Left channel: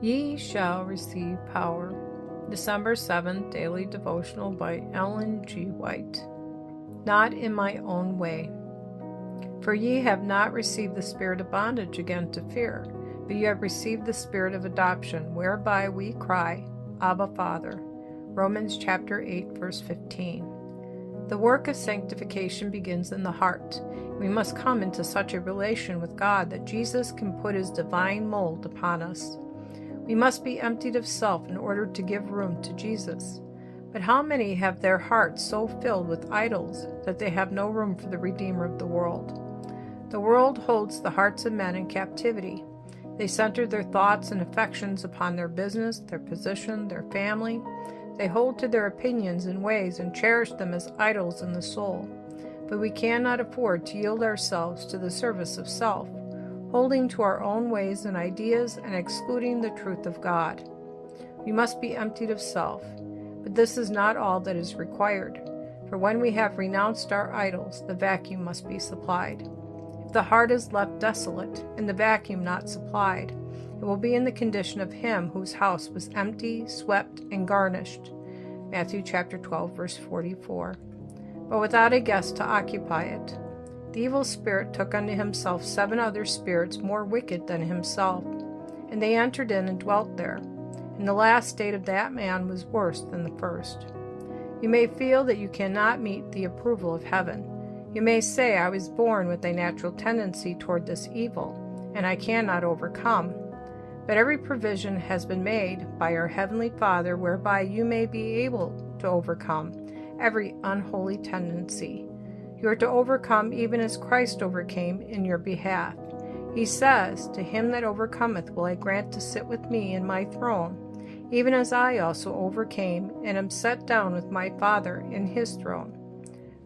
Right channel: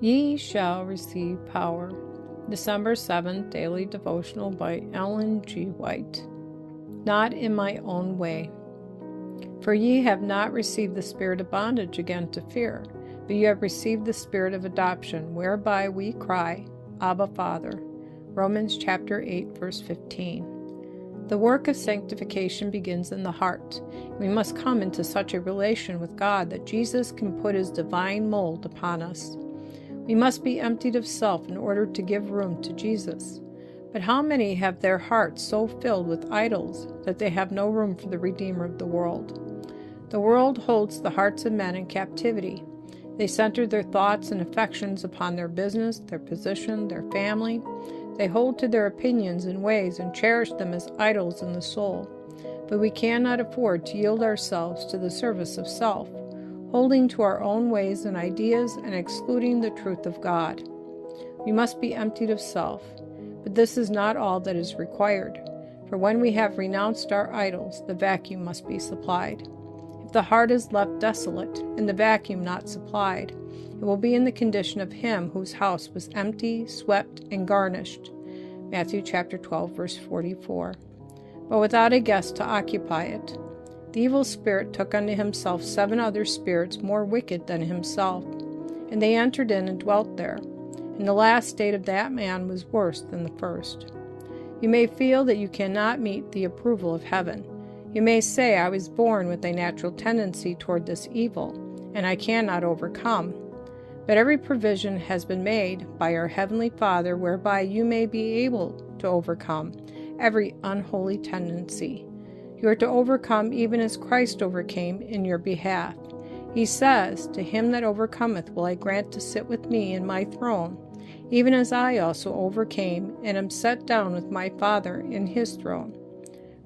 Ye shall receive power. December 7th, Daily Devotional by Ellen G. White. Not in my own way. For ye have not received the spirit of bondage again to fear, but ye have received the spirit of adoption, whereby we cry, Abba, Father. Romans chapter 8, verse 15. The work of sanctification begins in the heart. We must come into such a relation with God that Jesus can put his divine mold upon us. We must be emptied of self in order to give room to Jesus. But how many have their hearts so filled with idols that they have no room for the Redeemer of the world? The world holds the hearts of men in captivity. They center their thoughts and affections upon their business, their position, their family. They hold to their opinions and ways and cherish them as idols in the soul. But we cannot afford to yield ourselves to the service of self, holding to our own ways and ideas and excluding the truth of God. We must be emptied of self, but this is not all that is required. For when we have renounced our idols, the vacuum must be supplied. If the heart is left desolate and the vacuum not supplied, it will be in the condition of him whose house was empty, swept, and garnished. Matthew chapter 12, verse 44. But without a guest to occupy it. The evil spirit took unto himself 7 other spirits more wicked than himself, and they entered in and dwelt there. And the last state of that man was worse than the first. You may feel that you cannot meet the approval of heaven. You may say, I was born with a natural tendency toward this evil, and I cannot overcome. But every provision has been made by our Heavenly Father whereby you may be able to overcome every unholy tendency. You are to overcome even as Christ overcame in your behalf. He says, To him that overcometh will I grant to sit with me in my throne, even as I also overcame and am set down with my Father in his throne.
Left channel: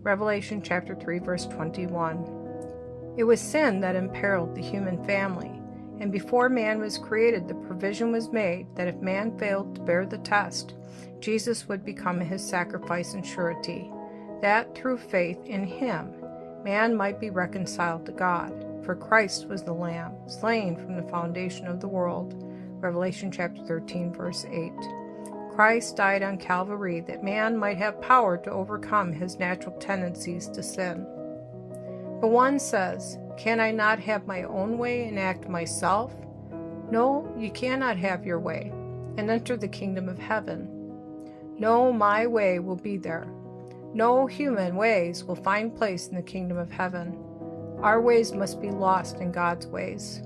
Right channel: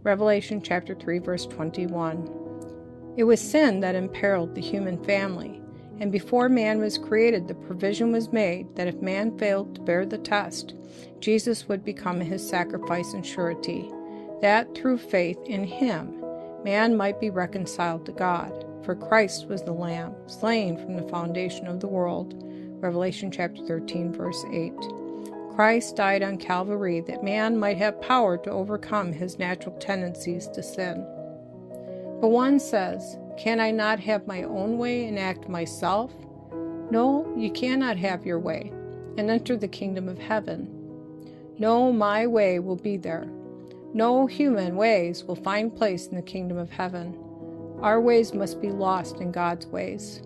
Revelation chapter 3, verse 21. It was sin that imperiled the human family. And before man was created, the provision was made that if man failed to bear the test, Jesus would become his sacrifice and surety, that through faith in him, man might be reconciled to God. For Christ was the Lamb, slain from the foundation of the world. Revelation chapter 13, verse 8. Christ died on Calvary that man might have power to overcome his natural tendencies to sin. But one says, Can I not have my own way and act myself? No, you cannot have your way and enter the kingdom of heaven. No, my way will be there. No human ways will find place in the kingdom of heaven. Our ways must be lost in God's ways.